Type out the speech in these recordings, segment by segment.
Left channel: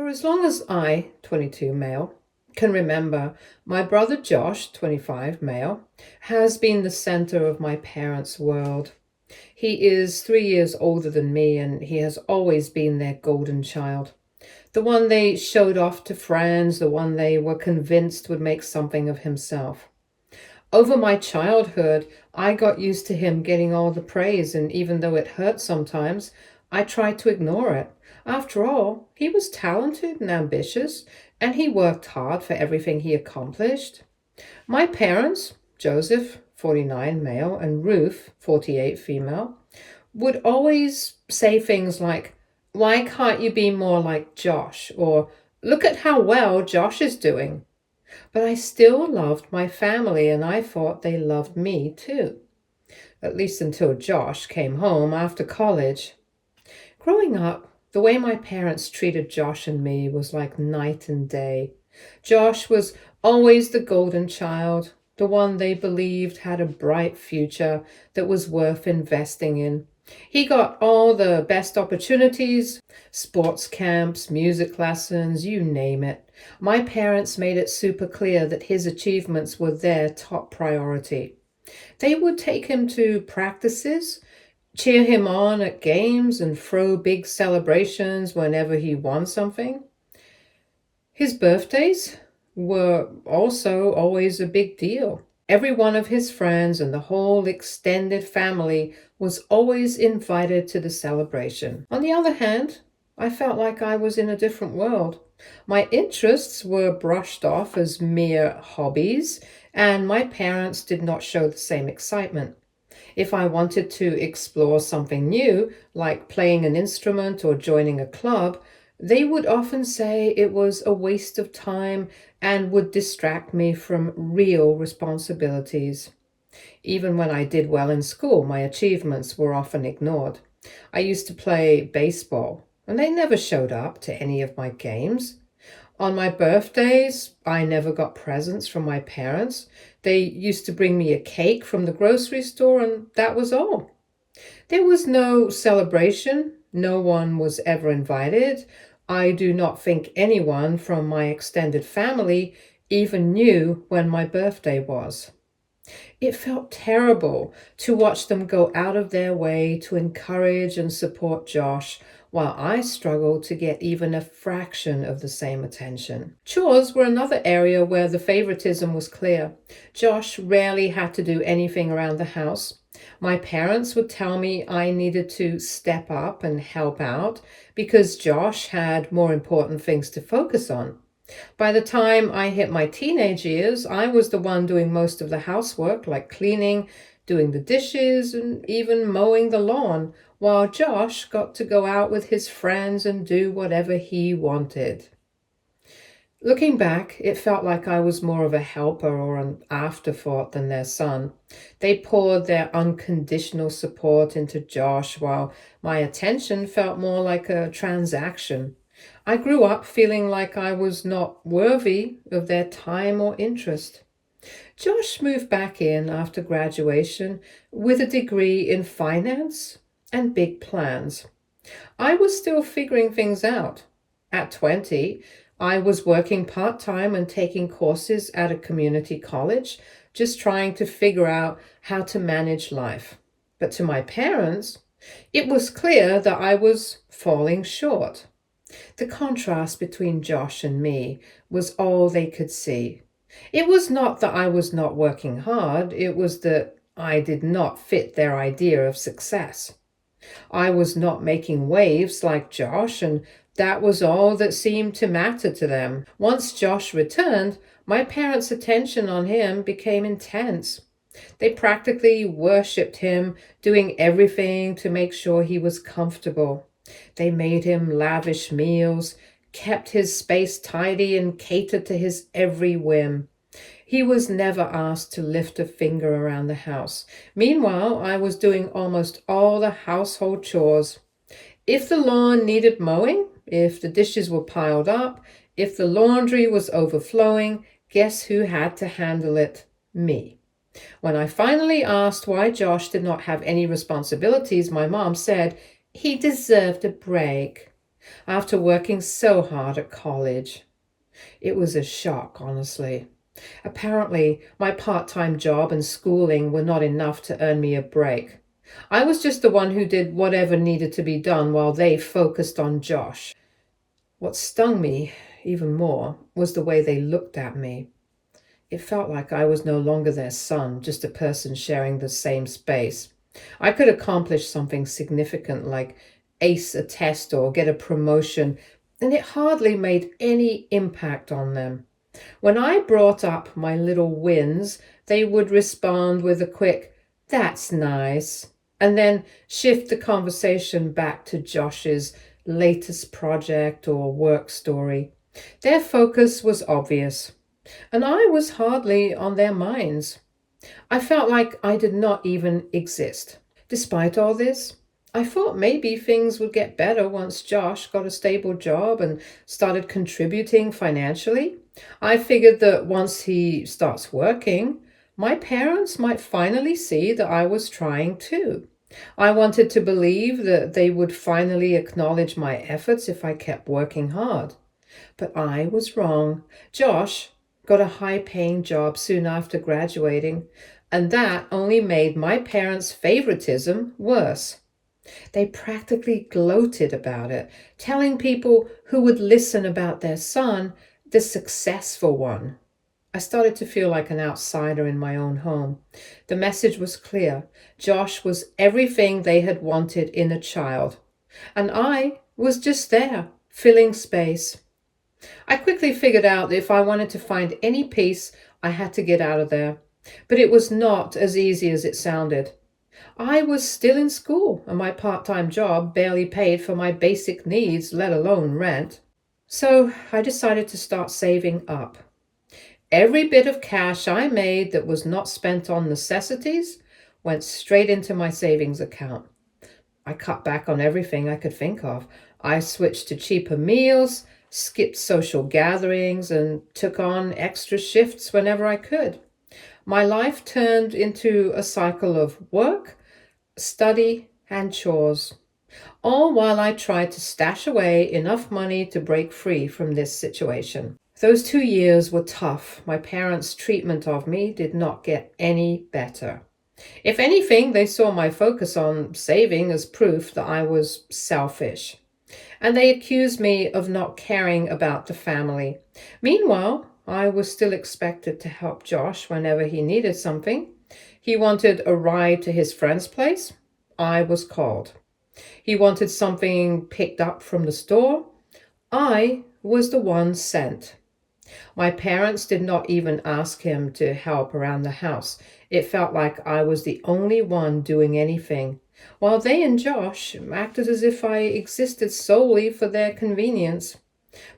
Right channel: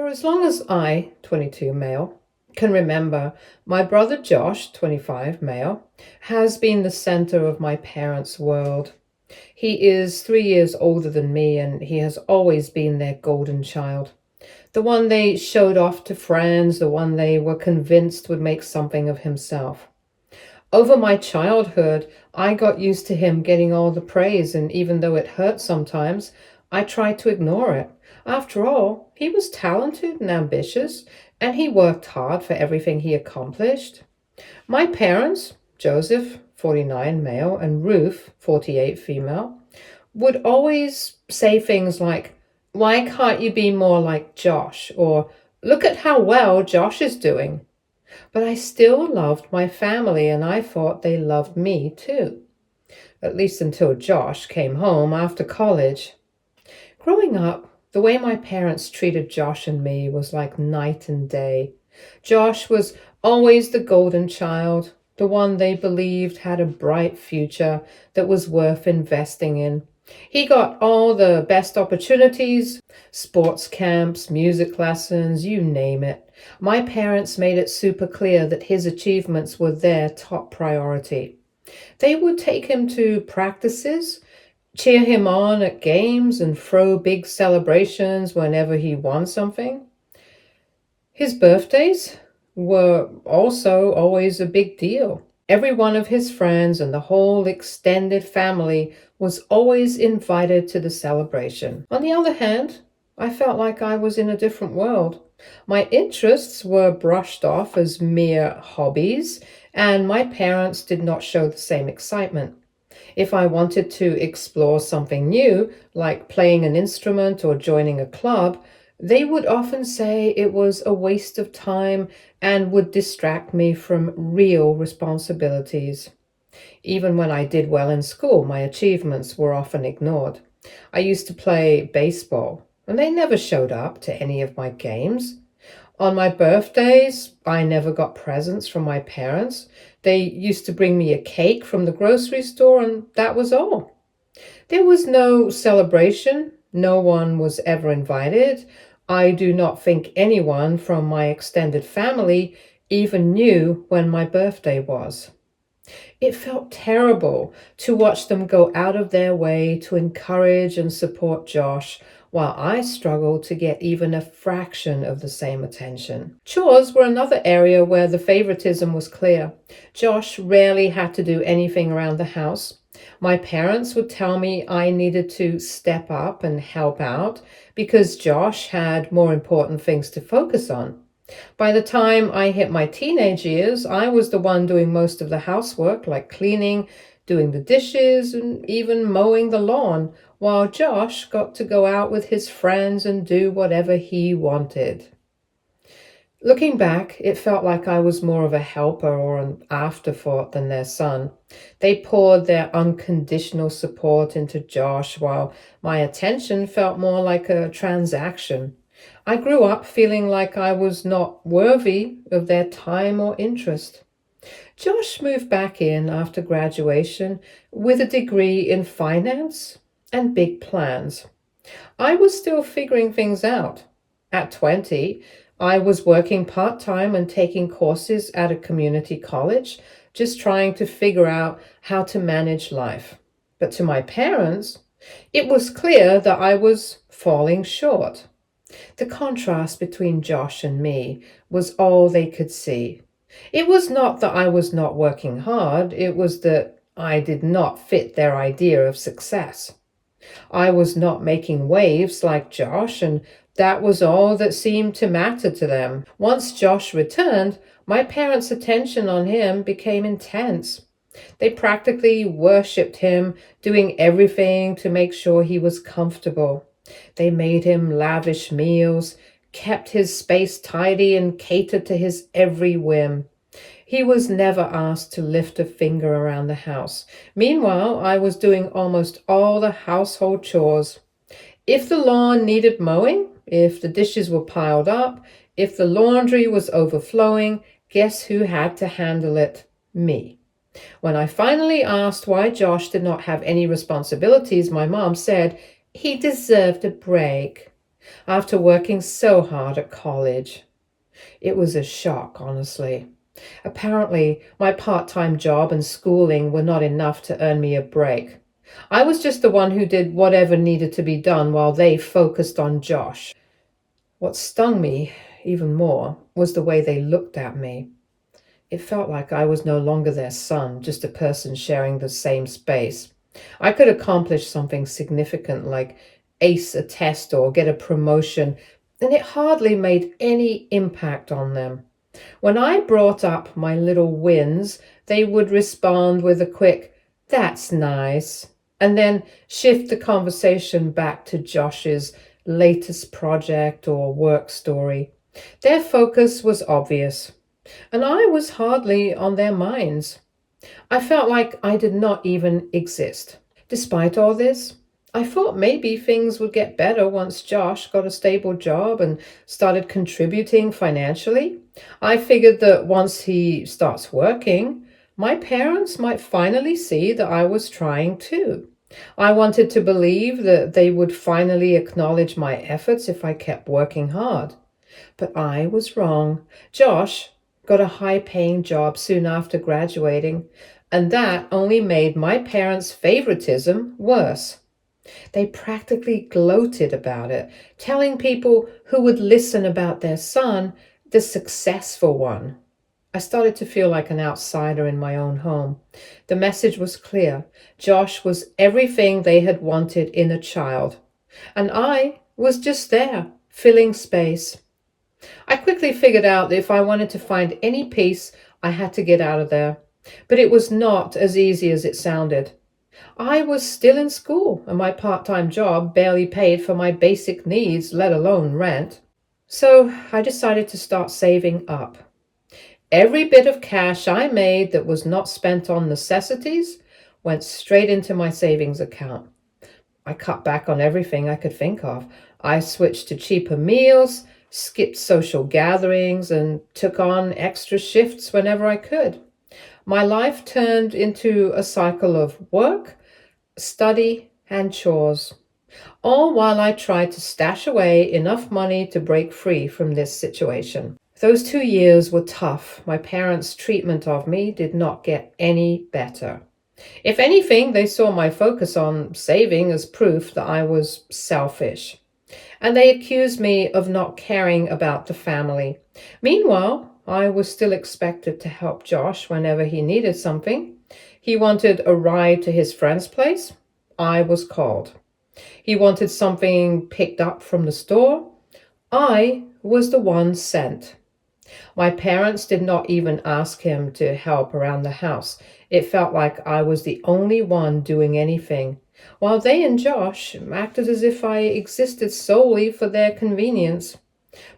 For as long as I, 22 male, can remember, my brother Josh, 25 male, has been the center of my parents' world. He is 3 years older than me, and he has always been their golden child. The one they showed off to friends, the one they were convinced would make something of himself. Over my childhood, I got used to him getting all the praise, and even though it hurt sometimes, I tried to ignore it. After all, he was talented and ambitious, and he worked hard for everything he accomplished. My parents, Joseph, 49 male, and Ruth, 48 female, would always say things like, "Why can't you be more like Josh?" Or, "Look at how well Josh is doing." But I still loved my family, and I thought they loved me too. At least until Josh came home after college. Growing up, the way my parents treated Josh and me was like night and day. Josh was always the golden child, the one they believed had a bright future that was worth investing in. He got all the best opportunities, sports camps, music lessons, you name it. My parents made it super clear that his achievements were their top priority. They would take him to practices, cheer him on at games, and throw big celebrations whenever he won something. His birthdays were also always a big deal. Every one of his friends and the whole extended family was always invited to the celebration. On the other hand, I felt like I was in a different world. My interests were brushed off as mere hobbies, and my parents did not show the same excitement. If I wanted to explore something new, like playing an instrument or joining a club, they would often say it was a waste of time and would distract me from real responsibilities. Even when I did well in school, my achievements were often ignored. I used to play baseball, and they never showed up to any of my games. On my birthdays, I never got presents from my parents. They used to bring me a cake from the grocery store, and that was all. There was no celebration. No one was ever invited. I do not think anyone from my extended family even knew when my birthday was. It felt terrible to watch them go out of their way to encourage and support Josh, while I struggled to get even a fraction of the same attention. Chores were another area where the favoritism was clear. Josh rarely had to do anything around the house. My parents would tell me I needed to step up and help out because Josh had more important things to focus on. By the time I hit my teenage years, I was the one doing most of the housework, like cleaning, doing the dishes, and even mowing the lawn, while Josh got to go out with his friends and do whatever he wanted. Looking back, it felt like I was more of a helper or an afterthought than their son. They poured their unconditional support into Josh, while my attention felt more like a transaction. I grew up feeling like I was not worthy of their time or interest. Josh moved back in after graduation with a degree in finance and big plans. I was still figuring things out. At 20, I was working part-time and taking courses at a community college, just trying to figure out how to manage life. But to my parents, it was clear that I was falling short. The contrast between Josh and me was all they could see. It was not that I was not working hard, it was that I did not fit their idea of success. I was not making waves like Josh, and that was all that seemed to matter to them. Once Josh returned, my parents' attention on him became intense. They practically worshipped him, doing everything to make sure he was comfortable. They made him lavish meals, kept his space tidy, and catered to his every whim. He was never asked to lift a finger around the house. Meanwhile, I was doing almost all the household chores. If the lawn needed mowing, if the dishes were piled up, if the laundry was overflowing, guess who had to handle it? Me. When I finally asked why Josh did not have any responsibilities, my mom said he deserved a break. after working so hard at college. It was a shock, honestly. Apparently, my part-time job and schooling were not enough to earn me a break. I was just the one who did whatever needed to be done while they focused on Josh. What stung me even more was the way they looked at me. It felt like I was no longer their son, just a person sharing the same space. I could accomplish something significant like ace a test or get a promotion, and it hardly made any impact on them. When I brought up my little wins, they would respond with a quick, "That's nice," and then shift the conversation back to Josh's latest project or work story. Their focus was obvious, and I was hardly on their minds. I felt like I did not even exist. Despite all this, I thought maybe things would get better once Josh got a stable job and started contributing financially. I figured that once he starts working, my parents might finally see that I was trying too. I wanted to believe that they would finally acknowledge my efforts if I kept working hard. But I was wrong. Josh got a high-paying job soon after graduating, and that only made my parents' favoritism worse. They practically gloated about it, telling people who would listen about their son, the successful one. I started to feel like an outsider in my own home. The message was clear. Josh was everything they had wanted in a child, and I was just there, filling space. I quickly figured out that if I wanted to find any peace, I had to get out of there. But it was not as easy as it sounded. I was still in school, and my part-time job barely paid for my basic needs, let alone rent. So I decided to start saving up. Every bit of cash I made that was not spent on necessities went straight into my savings account. I cut back on everything I could think of. I switched to cheaper meals, skipped social gatherings, and took on extra shifts whenever I could. My life turned into a cycle of work, study, and chores, all while I tried to stash away enough money to break free from this situation. Those 2 years were tough. My parents' treatment of me did not get any better. If anything, they saw my focus on saving as proof that I was selfish, and they accused me of not caring about the family. Meanwhile, I was still expected to help Josh whenever he needed something. He wanted a ride to his friend's place. I was called. He wanted something picked up from the store. I was the one sent. My parents did not even ask him to help around the house. It felt like I was the only one doing anything, while they and Josh acted as if I existed solely for their convenience.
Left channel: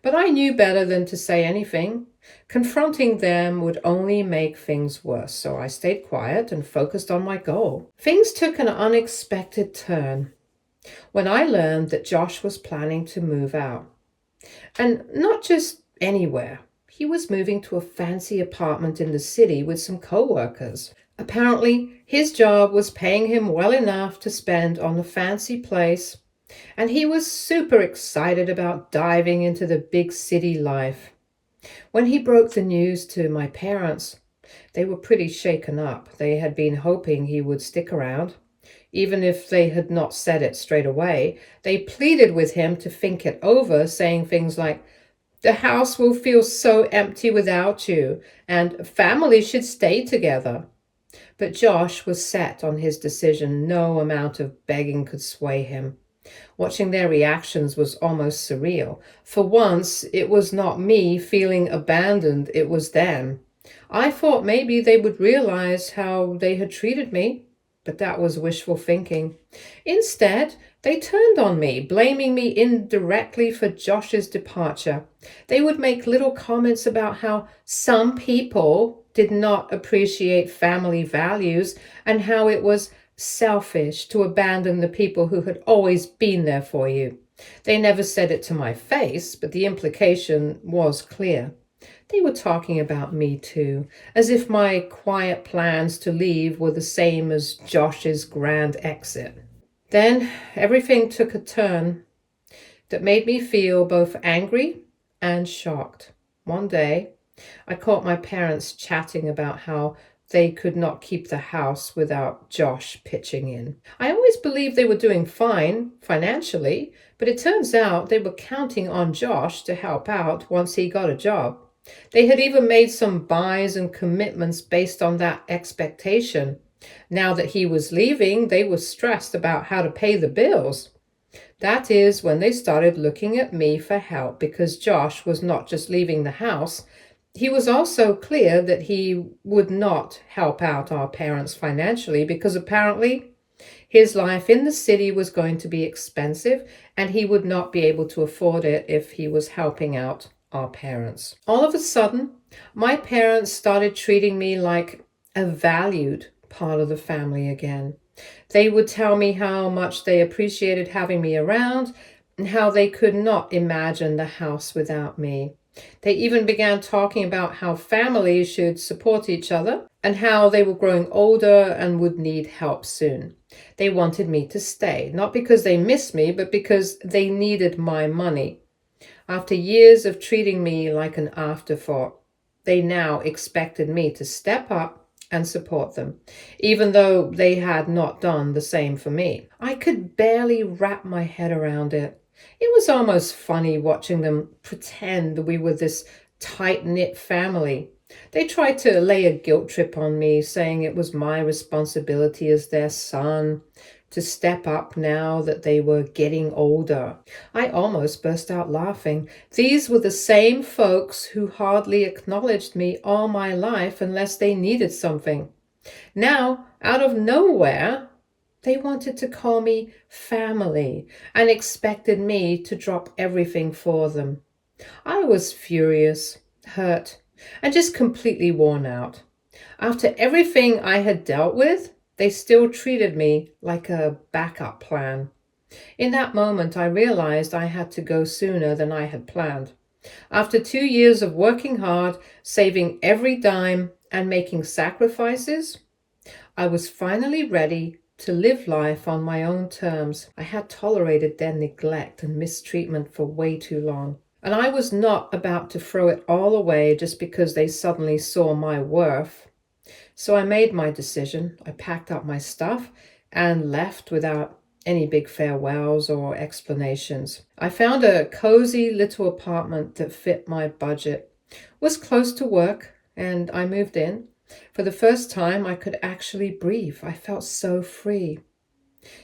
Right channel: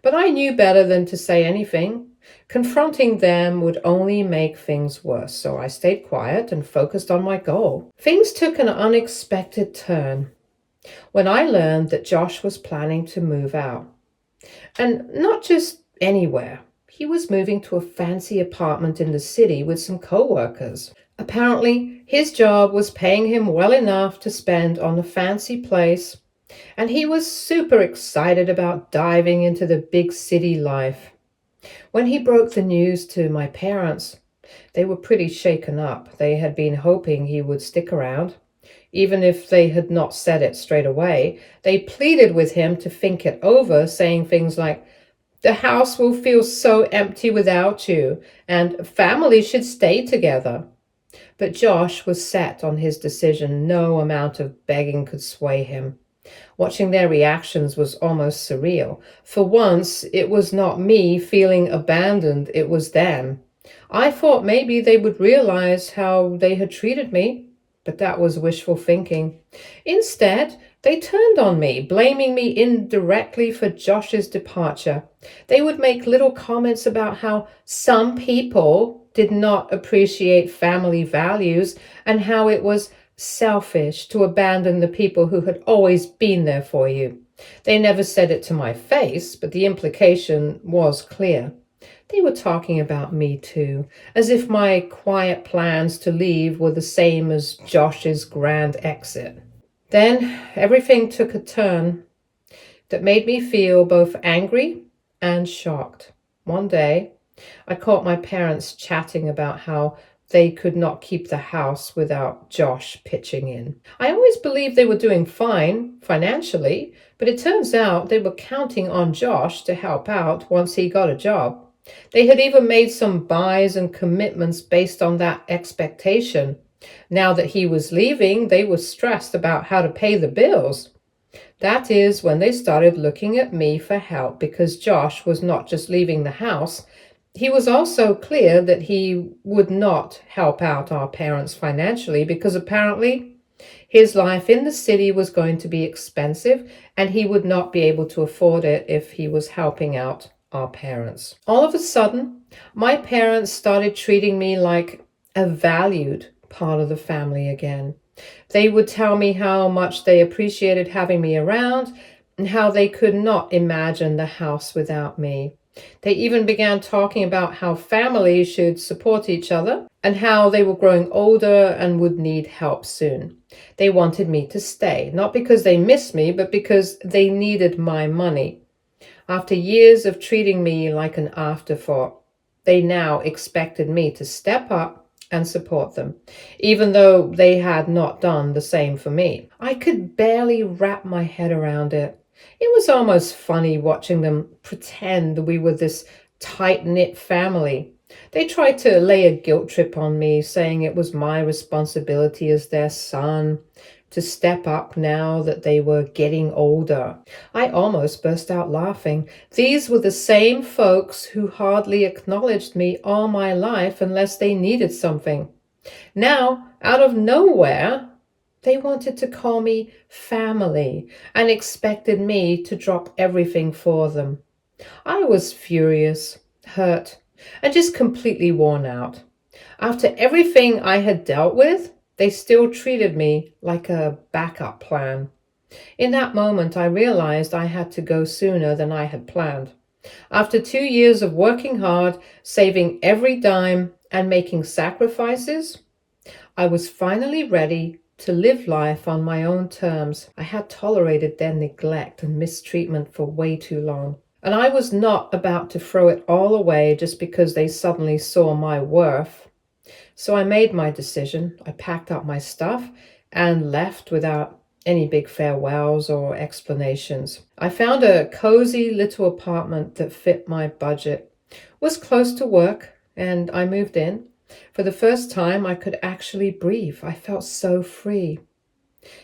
But I knew better than to say anything. Confronting them would only make things worse, so I stayed quiet and focused on my goal. Things took an unexpected turn when I learned that Josh was planning to move out. And not just anywhere. He was moving to a fancy apartment in the city with some co-workers. Apparently, his job was paying him well enough to spend on a fancy place, and he was super excited about diving into the big city life. When he broke the news to my parents, they were pretty shaken up. They had been hoping he would stick around. Even if they had not said it straight away, they pleaded with him to think it over, saying things like, "The house will feel so empty without you, and family should stay together." But Josh was set on his decision. No amount of begging could sway him. Watching their reactions was almost surreal. For once, it was not me feeling abandoned, it was them. I thought maybe they would realize how they had treated me, but that was wishful thinking. Instead, they turned on me, blaming me indirectly for Josh's departure. They would make little comments about how some people did not appreciate family values and how it was selfish to abandon the people who had always been there for you. They never said it to my face, but the implication was clear. They were talking about me too, as if my quiet plans to leave were the same as Josh's grand exit. Then everything took a turn. that made me feel both angry and shocked. One day, I caught my parents chatting about how they could not keep the house without Josh pitching in. I always believed they were doing fine financially, but it turns out they were counting on Josh to help out once he got a job. They had even made some buys and commitments based on that expectation. Now that he was leaving, they were stressed about how to pay the bills. That is when they started looking at me for help because Josh was not just leaving the house, he was also clear that he would not help out our parents financially because apparently his life in the city was going to be expensive and he would not be able to afford it if he was helping out our parents. All of a sudden, my parents started treating me like a valued part of the family again. They would tell me how much they appreciated having me around and how they could not imagine the house without me. They even began talking about how families should support each other and how they were growing older and would need help soon. They wanted me to stay, not because they missed me, but because they needed my money. After years of treating me like an afterthought, they now expected me to step up and support them, even though they had not done the same for me. I could barely wrap my head around it. It was almost funny watching them pretend we were this tight-knit family. They tried to lay a guilt trip on me, saying it was my responsibility as their son to step up now that they were getting older. I almost burst out laughing. These were the same folks who hardly acknowledged me all my life unless they needed something. Now, out of nowhere, they wanted to call me family and expected me to drop everything for them. I was furious, hurt, and just completely worn out. After everything I had dealt with, they still treated me like a backup plan. In that moment, I realized I had to go sooner than I had planned. After 2 years of working hard, saving every dime, and making sacrifices, I was finally ready to live life on my own terms. I had tolerated their neglect and mistreatment for way too long. And I was not about to throw it all away just because they suddenly saw my worth. So I made my decision. I packed up my stuff and left without any big farewells or explanations. I found a cozy little apartment that fit my budget, was close to work, and I moved in. For the first time, I could actually breathe. I felt so free.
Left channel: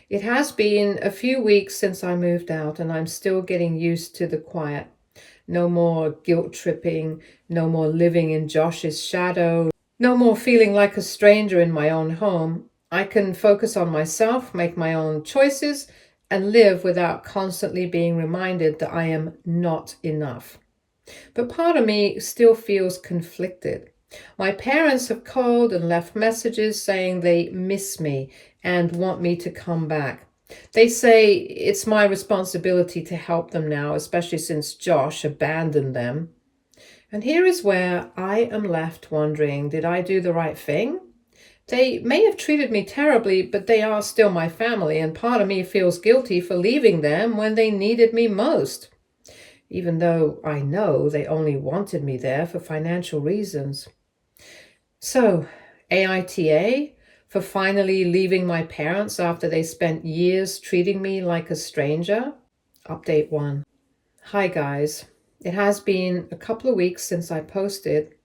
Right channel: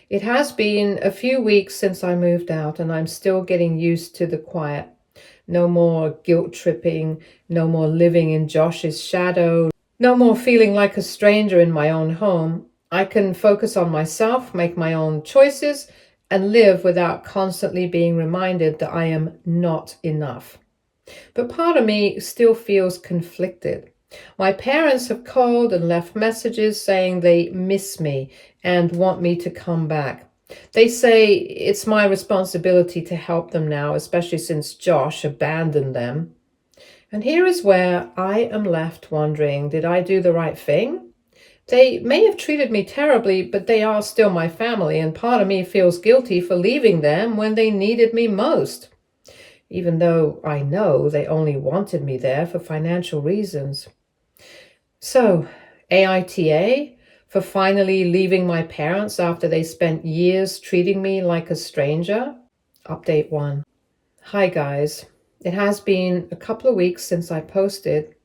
It has been a few weeks since I moved out, and I'm still getting used to the quiet. No more guilt tripping, no more living in Josh's shadow, no more feeling like a stranger in my own home. I can focus on myself, make my own choices, and live without constantly being reminded that I am not enough. But part of me still feels conflicted. My parents have called and left messages saying they miss me and want me to come back. They say it's my responsibility to help them now, especially since Josh abandoned them. And here is where I am left wondering, did I do the right thing? They may have treated me terribly, but they are still my family, and part of me feels guilty for leaving them when they needed me most, even though I know they only wanted me there for financial reasons. So, AITA for finally leaving my parents after they spent years treating me like a stranger? Update 1. Hi guys. It has been a couple of weeks since I posted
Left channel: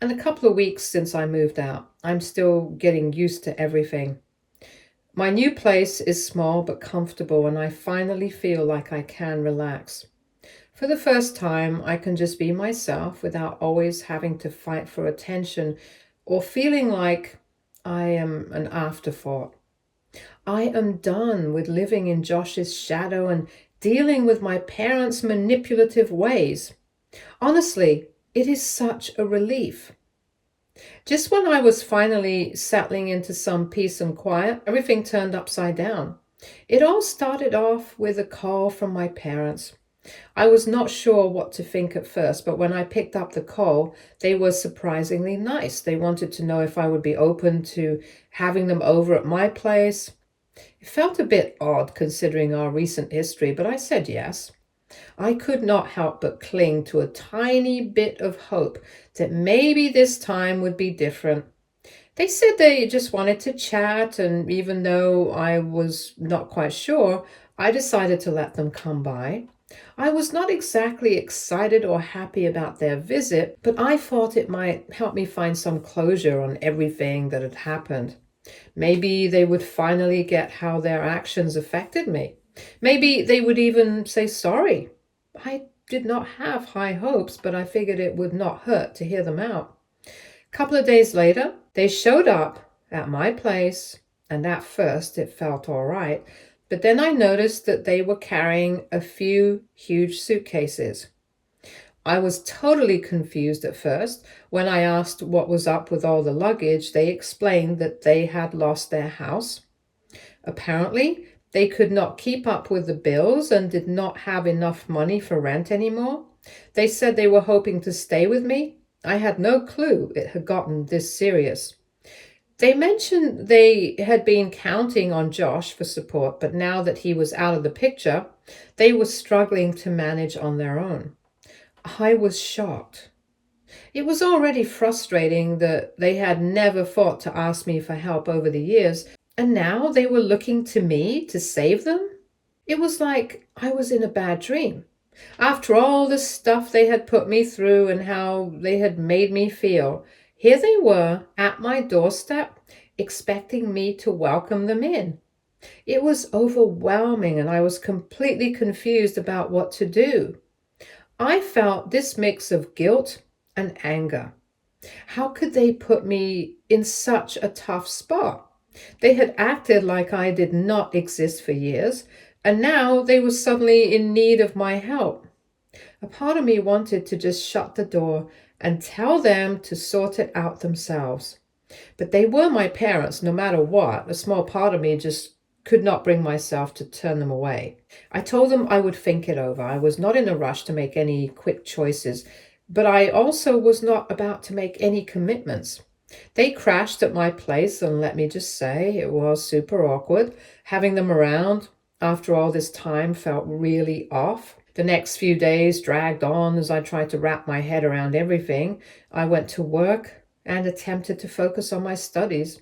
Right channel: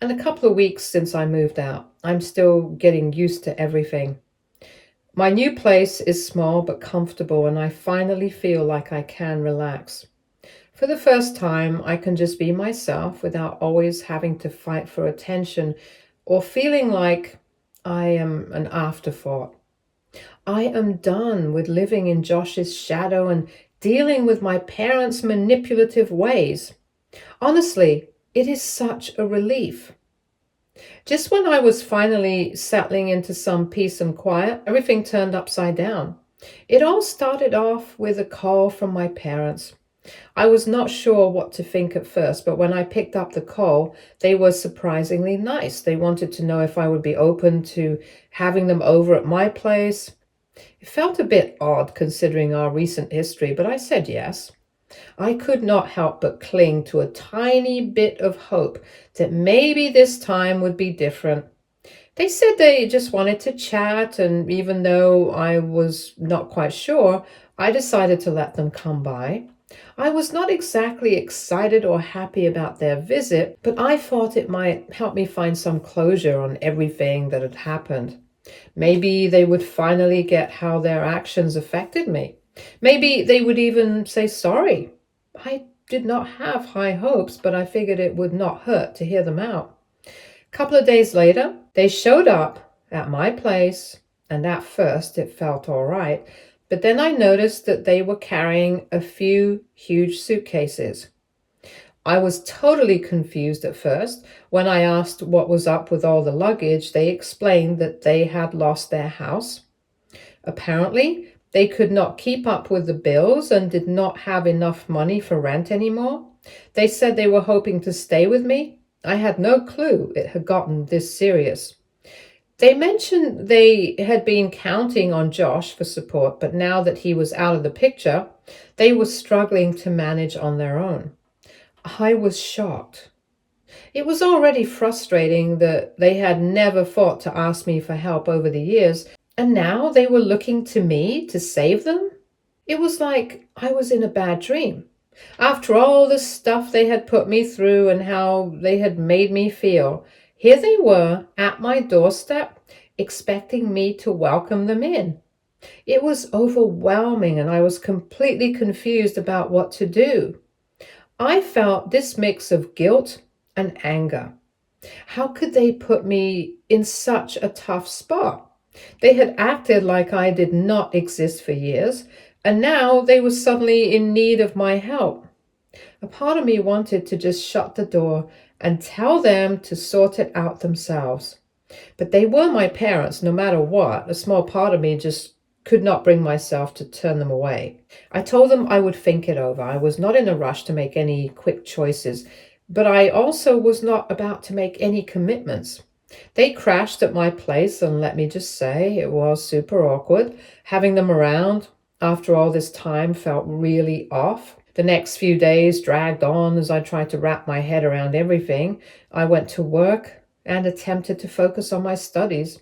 and a couple of weeks since I moved out. I'm still getting used to everything. My new place is small but comfortable, and I finally feel like I can relax. For the first time, I can just be myself without always having to fight for attention or feeling like I am an afterthought. I am done with living in Josh's shadow and dealing with my parents' manipulative ways. Honestly, it is such a relief. Just when I was finally settling into some peace and quiet, everything turned upside down. It all started off with a call from my parents. I was not sure what to think at first, but when I picked up the call, they were surprisingly nice. They wanted to know if I would be open to having them over at my place. It felt a bit odd considering our recent history, but I said yes. I could not help but cling to a tiny bit of hope that maybe this time would be different. They said they just wanted to chat, and even though I was not quite sure, I decided to let them come by. I was not exactly excited or happy about their visit, but I thought it might help me find some closure on everything that had happened. Maybe they would finally get how their actions affected me. Maybe they would even say sorry. I did not have high hopes, but I figured it would not hurt to hear them out. A couple of days later, they showed up at my place, and at first it felt all right. But then I noticed that they were carrying a few huge suitcases. I was totally confused at first. When I asked what was up with all the luggage, they explained that they had lost their house. Apparently, they could not keep up with the bills and did not have enough money for rent anymore. They said they were hoping to stay with me. I had no clue it had gotten this serious. They mentioned they had been counting on Josh for support, but now that he was out of the picture, they were struggling to manage on their own. I was shocked. It was already frustrating that they had never thought to ask me for help over the years, and now they were looking to me to save them? It was like I was in a bad dream. After all the stuff they had put me through and how they had made me feel, here they were at my doorstep, expecting me to welcome them in. It was overwhelming, and I was completely confused about what to do. I felt this mix of guilt and anger. How could they put me in such a tough spot? They had acted like I did not exist for years, and now they were suddenly in need of my help. A part of me wanted to just shut the door and tell them to sort it out themselves. But they were my parents no matter what. A small part of me just could not bring myself to turn them away. I told them I would think it over. I was not in a rush to make any quick choices, but I also was not about to make any commitments. They crashed at my place, and let me just say, it was super awkward. Having them around after all this time felt really off. The next few days dragged on as I tried to wrap my head around everything. I went to work and attempted to focus on my studies,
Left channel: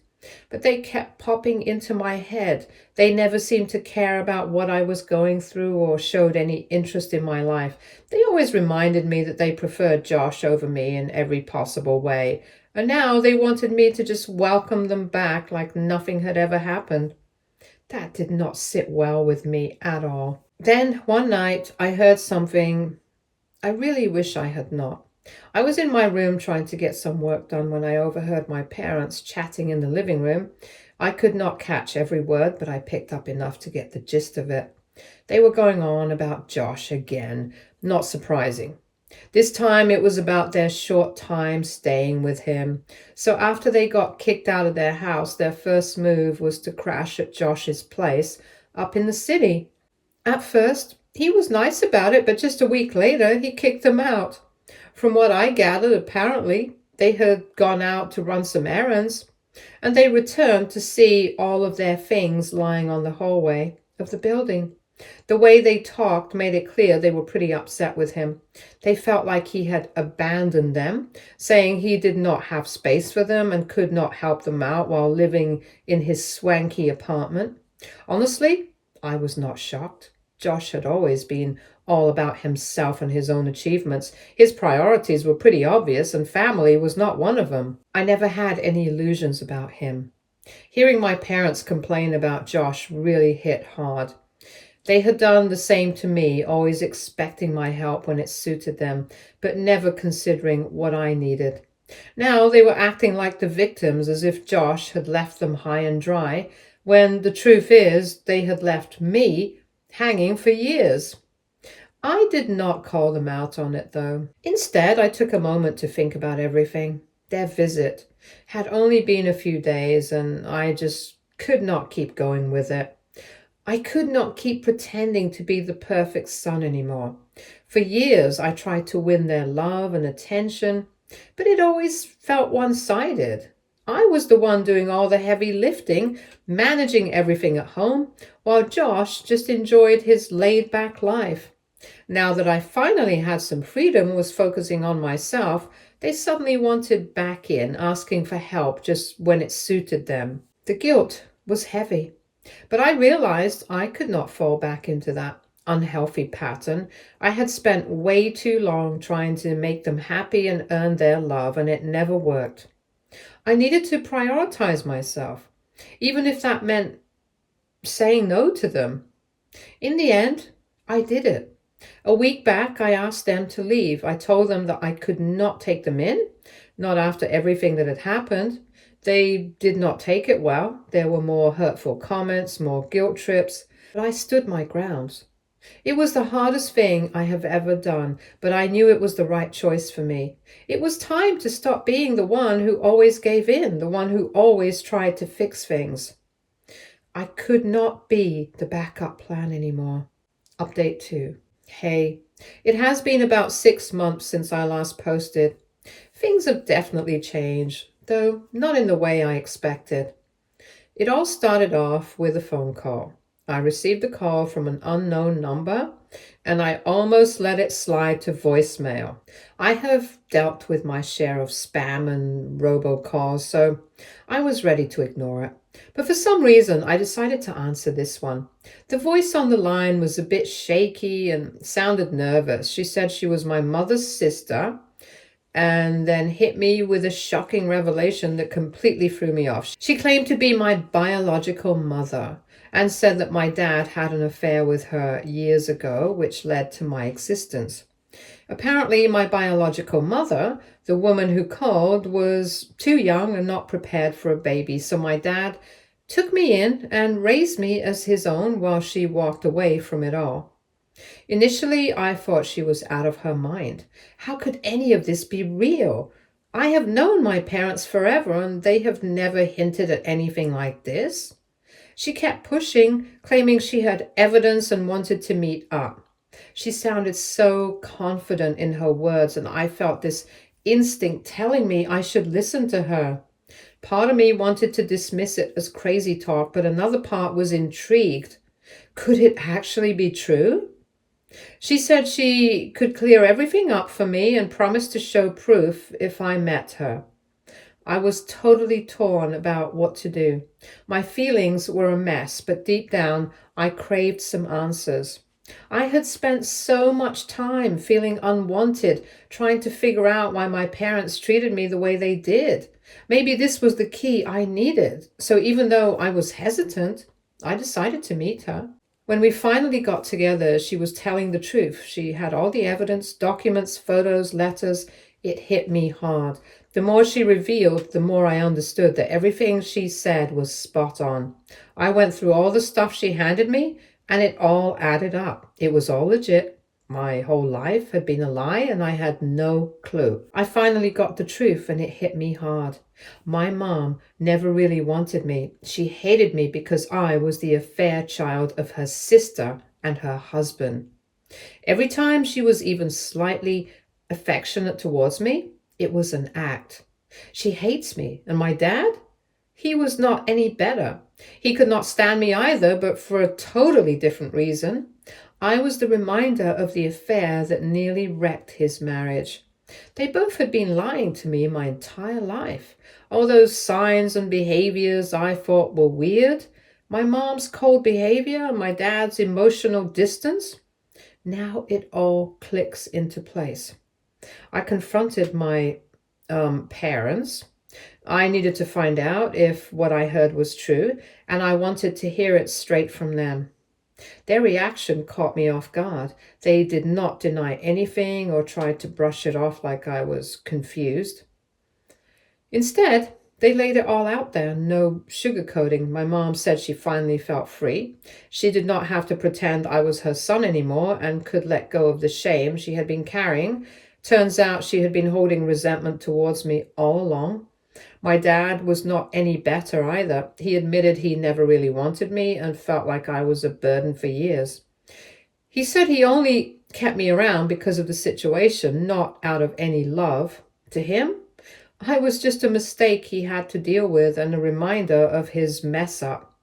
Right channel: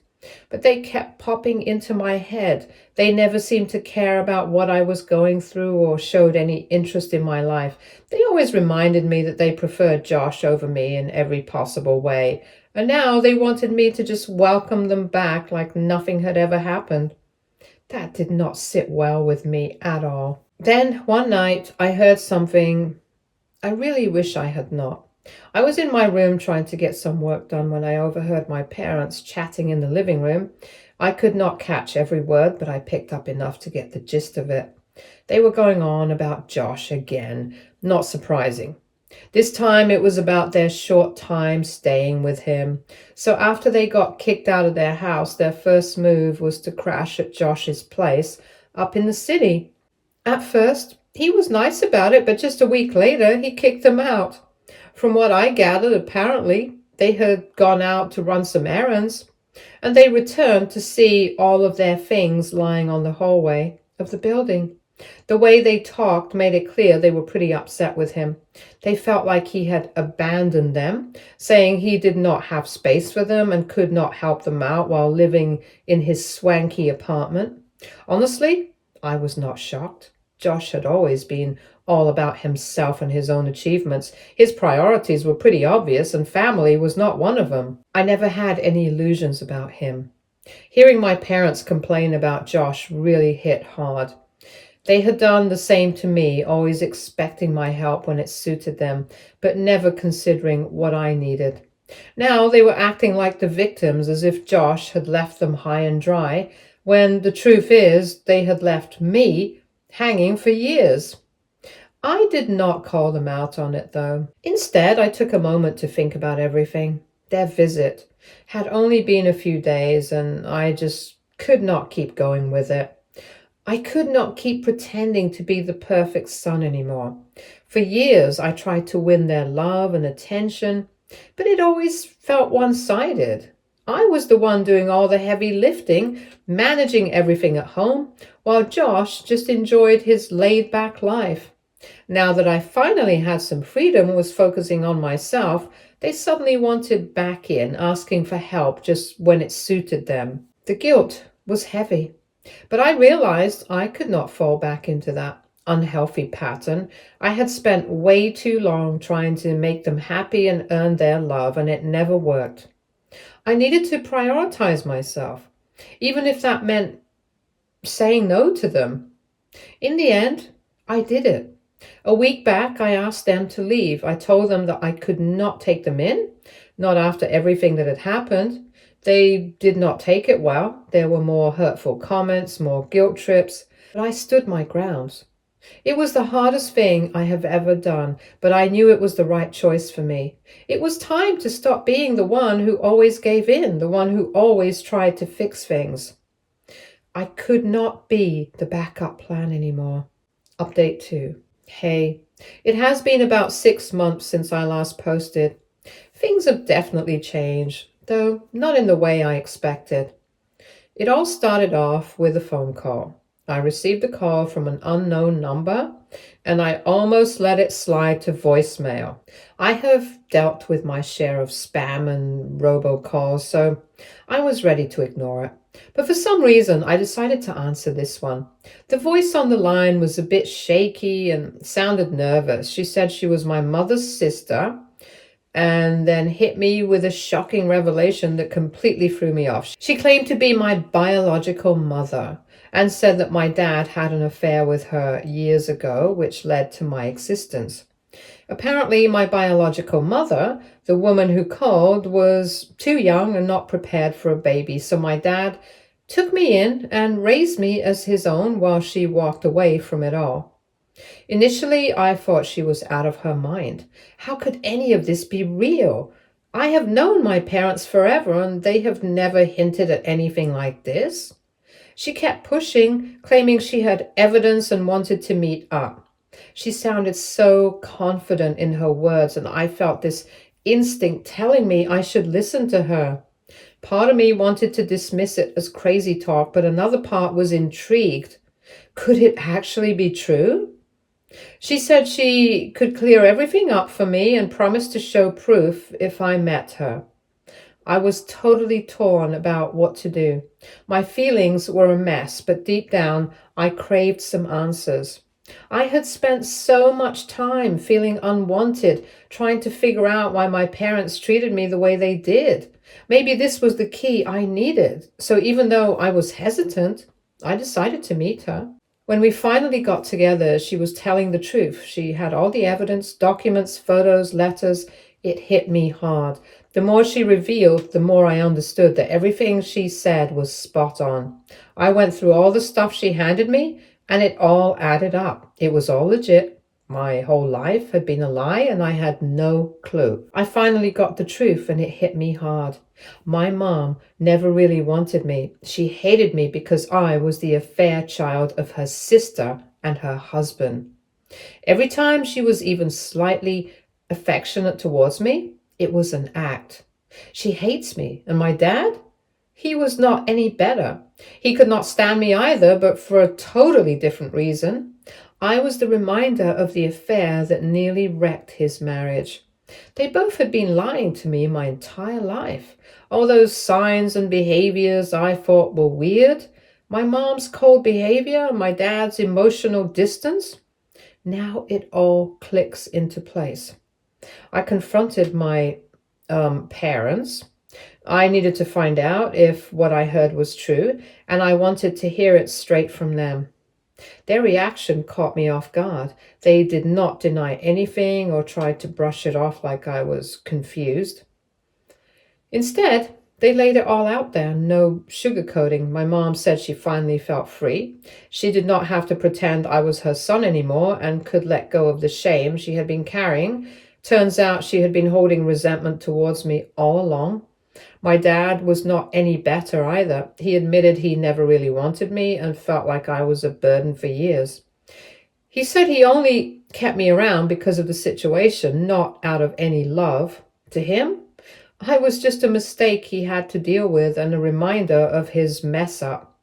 but they kept popping into my head. They never seemed to care about what I was going through or showed any interest in my life. They always reminded me that they preferred Josh over me in every possible way, and now they wanted me to just welcome them back like nothing had ever happened. That did not sit well with me at all. Then one night I heard something I really wish I had not. I was in my room trying to get some work done when I overheard my parents chatting in the living room. I could not catch every word, but I picked up enough to get the gist of it. They were going on about Josh again. Not surprising. This time it was about their short time staying with him. So after they got kicked out of their house, their first move was to crash at Josh's place up in the city. At first, he was nice about it, but just a week later, he kicked them out. From what I gathered, apparently, they had gone out to run some errands, and they returned to see all of their things lying on the hallway of the building. The way they talked made it clear they were pretty upset with him. They felt like he had abandoned them, saying he did not have space for them and could not help them out while living in his swanky apartment. Honestly, I was not shocked. Josh had always been all about himself and his own achievements. His priorities were pretty obvious, and family was not one of them. I never had any illusions about him. Hearing my parents complain about Josh really hit hard. They had done the same to me, always expecting my help when it suited them, but never considering what I needed. Now they were acting like the victims, as if Josh had left them high and dry, when the truth is they had left me hanging for years. I did not call them out on it, though. Instead, I took a moment to think about everything. Their visit had only been a few days, and I just could not keep going with it. I could not keep pretending to be the perfect son anymore. For years, I tried to win their love and attention, but it always felt one-sided. I was the one doing all the heavy lifting, managing everything at home, while Josh just enjoyed his laid-back life. Now that I finally had some freedom, was focusing on myself, they suddenly wanted back in, asking for help just when it suited them. The guilt was heavy, but I realized I could not fall back into that unhealthy pattern. I had spent way too long trying to make them happy and earn their love, and it never worked. I needed to prioritize myself, even if that meant saying no to them. In the end, I did it. A week back, I asked them to leave. I told them that I could not take them in, not after everything that had happened. They did not take it well. There were more hurtful comments, more guilt trips, but I stood my ground. It was the hardest thing I have ever done, but I knew it was the right choice for me. It was time to stop being the one who always gave in, the one who always tried to fix things. I could not be the backup plan anymore. Update 2. Hey, it has been about 6 months since I last posted. Things have definitely changed, though not in the way I expected. It all started off with a phone call. I received a call from an unknown number, and I almost let it slide to voicemail. I have dealt with my share of spam and robocalls, so I was ready to ignore it. But for some reason, I decided to answer this one. The voice on the line was a bit shaky and sounded nervous. She said she was my mother's sister, and then hit me with a shocking revelation that completely threw me off. She claimed to be my biological mother and said that my dad had an affair with her years ago, which led to my existence. Apparently, my biological mother, the woman who called, was too young and not prepared for a baby, so my dad took me in and raised me as his own while she walked away from it all. Initially, I thought she was out of her mind. How could any of this be real? I have known my parents forever, and they have never hinted at anything like this. She kept pushing, claiming she had evidence and wanted to meet up. She sounded so confident in her words, and I felt this instinct telling me I should listen to her. Part of me wanted to dismiss it as crazy talk, but another part was intrigued. Could it actually be true? She said she could clear everything up for me and promised to show proof if I met her. I was totally torn about what to do. My feelings were a mess, but deep down, I craved some answers. I had spent so much time feeling unwanted, trying to figure out why my parents treated me the way they did. Maybe this was the key I needed. So even though I was hesitant, I decided to meet her. When we finally got together, she was telling the truth. She had all the evidence, documents, photos, letters. It hit me hard. The more she revealed, the more I understood that everything she said was spot on. I went through all the stuff she handed me, and it all added up. It was all legit. My whole life had been a lie, and I had no clue. I finally got the truth, and it hit me hard. My mom never really wanted me. She hated me because I was the affair child of her sister and her husband. Every time she was even slightly affectionate towards me, it was an act. She hates me. And my dad? He was not any better. He could not stand me either, but for a totally different reason. I was the reminder of the affair that nearly wrecked his marriage. They both had been lying to me my entire life. All those signs and behaviors I thought were weird, my mom's cold behavior and my dad's emotional distance, now it all clicks into place. I confronted my parents. I needed to find out if what I heard was true, and I wanted to hear it straight from them. Their reaction caught me off guard. They did not deny anything or try to brush it off like I was confused. Instead, they laid it all out there, no sugarcoating. My mom said she finally felt free. She did not have to pretend I was her son anymore and could let go of the shame she had been carrying. Turns out she had been holding resentment towards me all along. My dad was not any better either. He admitted he never really wanted me and felt like I was a burden for years. He said he only kept me around because of the situation, not out of any love. To him, I was just a mistake he had to deal with and a reminder of his mess up.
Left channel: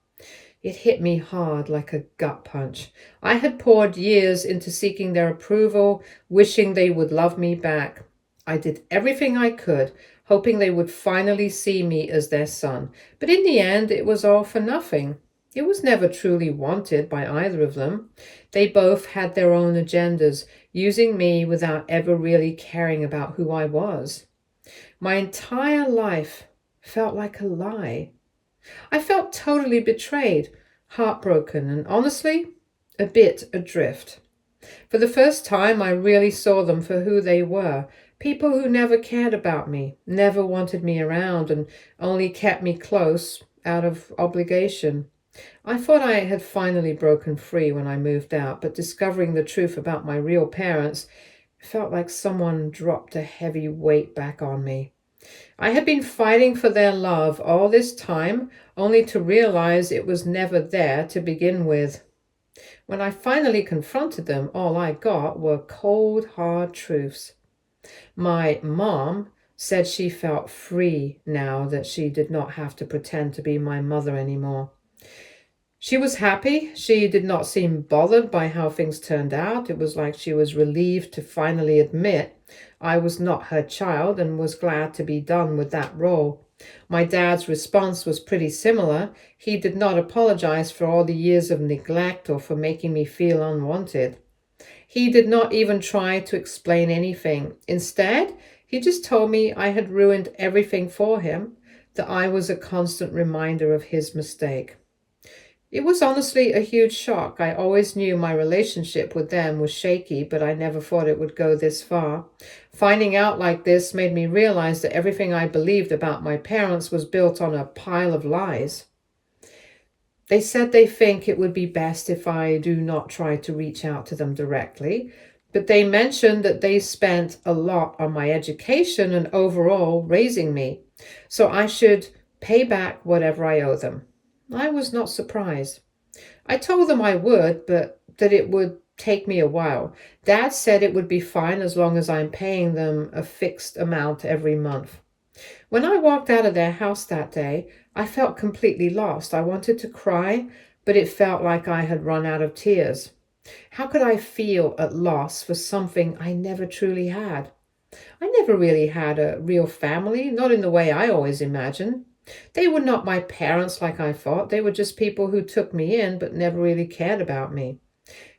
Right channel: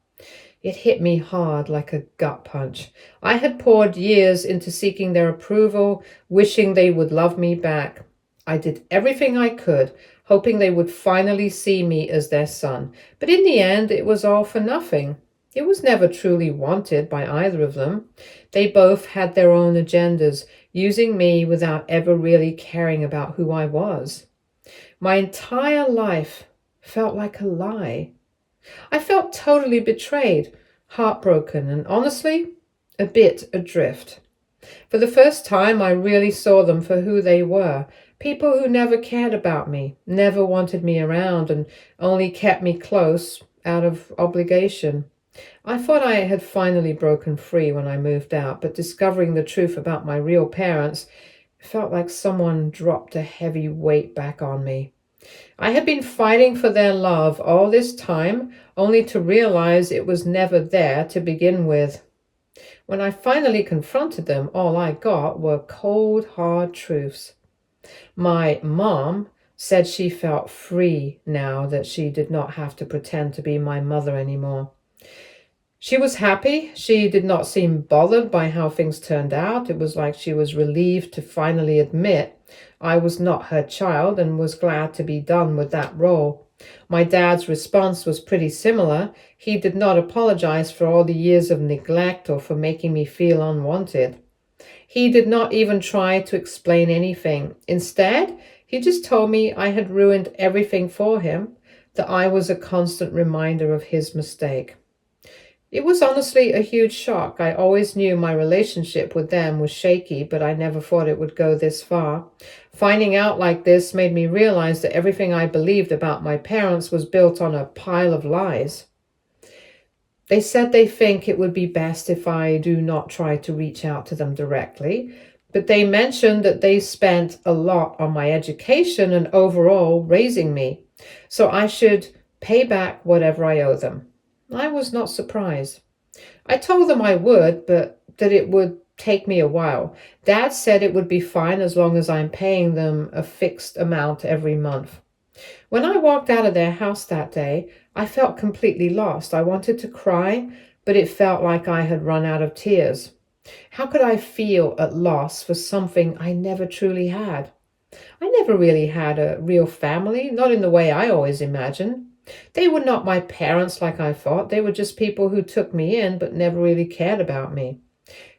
It hit me hard like a gut punch. I had poured years into seeking their approval, wishing they would love me back. I did everything I could, hoping they would finally see me as their son. But in the end, it was all for nothing. It was never truly wanted by either of them. They both had their own agendas, using me without ever really caring about who I was. My entire life felt like a lie. I felt totally betrayed, heartbroken, and honestly, a bit adrift. For the first time, I really saw them for who they were. People who never cared about me, never wanted me around, and only kept me close out of obligation. I thought I had finally broken free when I moved out, but discovering the truth about my real parents felt like someone dropped a heavy weight back on me. I had been fighting for their love all this time, only to realize it was never there to begin with. When I finally confronted them, all I got were cold, hard truths. My mom said she felt free now that she did not have to pretend to be my mother anymore. She was happy. She did not seem bothered by how things turned out. It was like she was relieved to finally admit I was not her child and was glad to be done with that role. My dad's response was pretty similar. He did not apologize for all the years of neglect or for making me feel unwanted. He did not even try to explain anything. Instead, he just told me I had ruined everything for him, that I was a constant reminder of his mistake. It was honestly a huge shock. I always knew my relationship with them was shaky, but I never thought it would go this far. Finding out like this made me realize that everything I believed about my parents was built on a pile of lies. They said they think it would be best if I do not try to reach out to them directly, but they mentioned that they spent a lot on my education and overall raising me, so I should pay back whatever I owe them. I was not surprised. I told them I would, but that it would take me a while. Dad said it would be fine as long as I'm paying them a fixed amount every month. When I walked out of their house that day, I felt completely lost. I wanted to cry, but it felt like I had run out of tears. How could I feel at loss for something I never truly had? I never really had a real family, not in the way I always imagined. They were not my parents like I thought. They were just people who took me in but never really cared about me.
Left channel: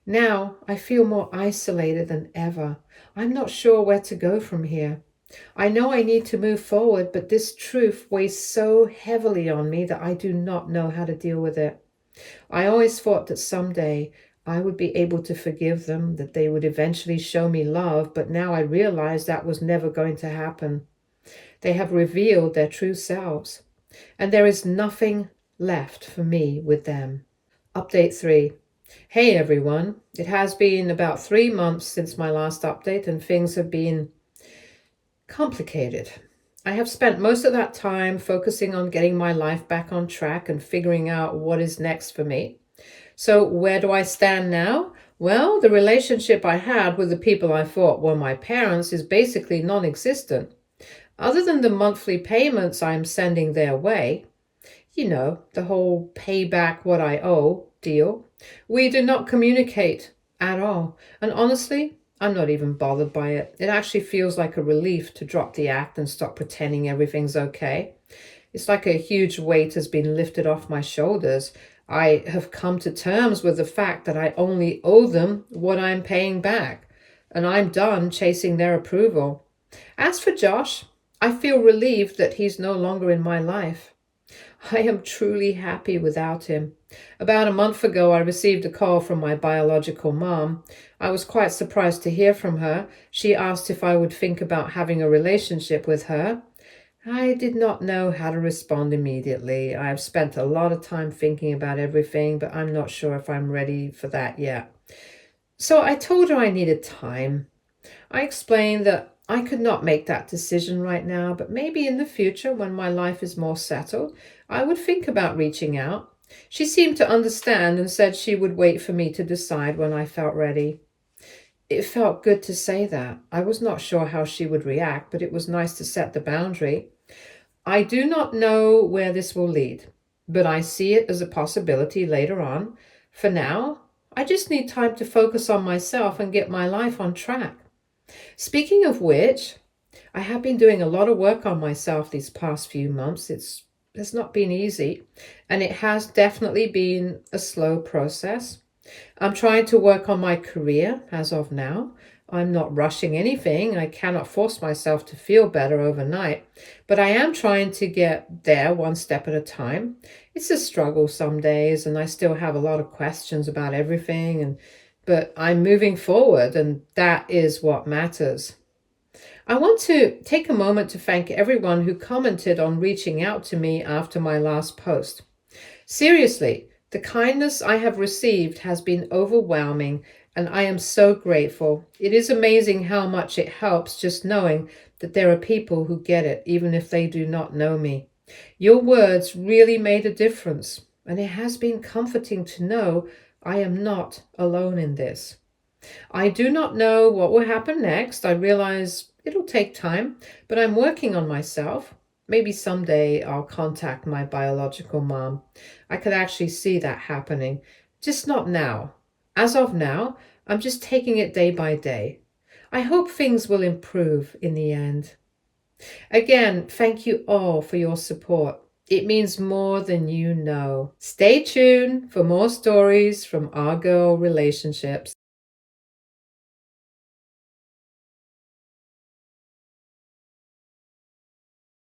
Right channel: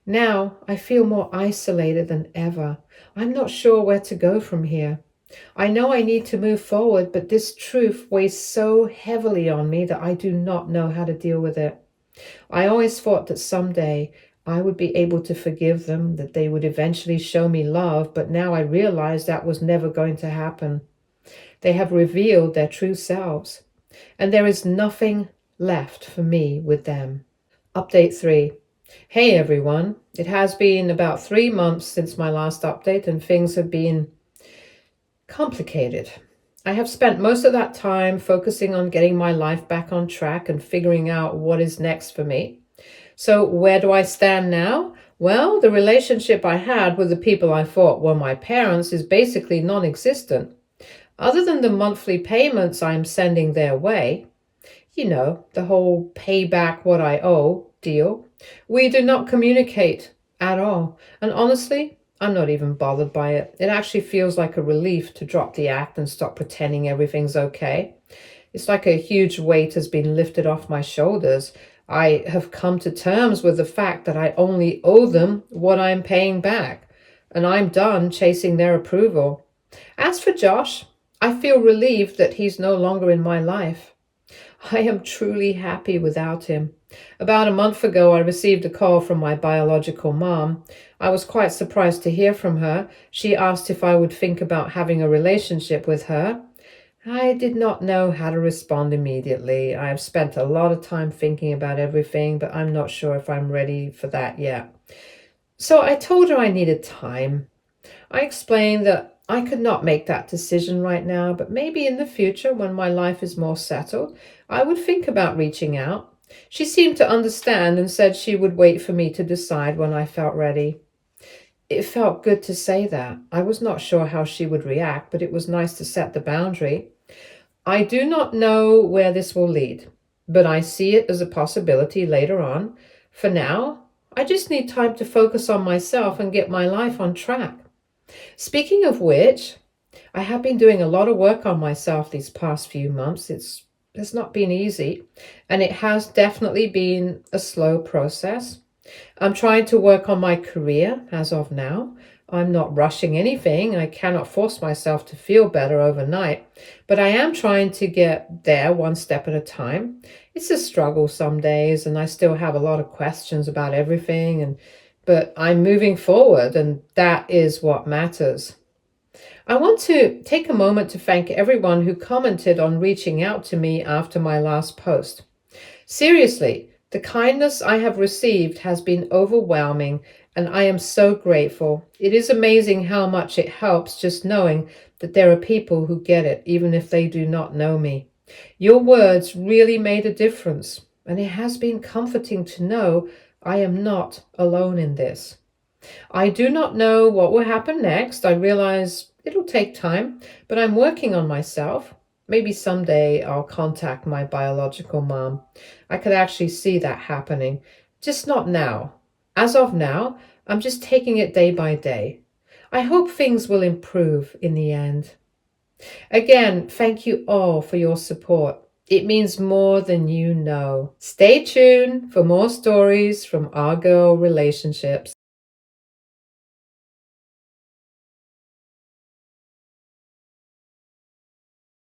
Now I feel more isolated than ever. I'm not sure where to go from here. I know I need to move forward, but this truth weighs so heavily on me that I do not know how to deal with it. I always thought that someday I would be able to forgive them, that they would eventually show me love, but now I realize that was never going to happen. They have revealed their true selves, and there is nothing left for me with them. Update 3. Hey everyone, it has been about 3 months since my last update and things have been complicated. I have spent most of that time focusing on getting my life back on track and figuring out what is next for me. So where do I stand now? Well, the relationship I had with the people I thought were my parents is basically non-existent. Other than the monthly payments I'm sending their way, the whole pay back what I owe deal, we do not communicate at all. And honestly, I'm not even bothered by it. It actually feels like a relief to drop the act and stop pretending everything's okay. It's like a huge weight has been lifted off my shoulders. I have come to terms with the fact that I only owe them what I'm paying back, and I'm done chasing their approval. As for Josh, I feel relieved that he's no longer in my life. I am truly happy without him. About a month ago, I received a call from my biological mom. I was quite surprised to hear from her. She asked if I would think about having a relationship with her. I did not know how to respond immediately. I have spent a lot of time thinking about everything, but I'm not sure if I'm ready for that yet. So I told her I needed time. I explained that I could not make that decision right now, but maybe in the future, when my life is more settled, I would think about reaching out. She seemed to understand and said she would wait for me to decide when I felt ready. It felt good to say that. I was not sure how she would react, but it was nice to set the boundary. I do not know where this will lead, but I see it as a possibility later on. For now, I just need time to focus on myself and get my life on track. Speaking of which, I have been doing a lot of work on myself these past few months. It's not been easy, and it has definitely been a slow process. I'm trying to work on my career as of now. I'm not rushing anything. I cannot force myself to feel better overnight, but I am trying to get there one step at a time. It's a struggle some days, and I still have a lot of questions about everything, but I'm moving forward, and that is what matters. I want to take a moment to thank everyone who commented on reaching out to me after my last post. Seriously, the kindness I have received has been overwhelming, and I am so grateful. It is amazing how much it helps just knowing that there are people who get it, even if they do not know me. Your words really made a difference, and it has been comforting to know I am not alone in this. I do not know what will happen next. I realize it'll take time, but I'm working on myself. Maybe someday I'll contact my biological mom. I could actually see that happening, just not now. As of now, I'm just taking it day by day. I hope things will improve in the end. Again, thank you all for your support. It means more than you know. Stay tuned for more stories from our girl relationships.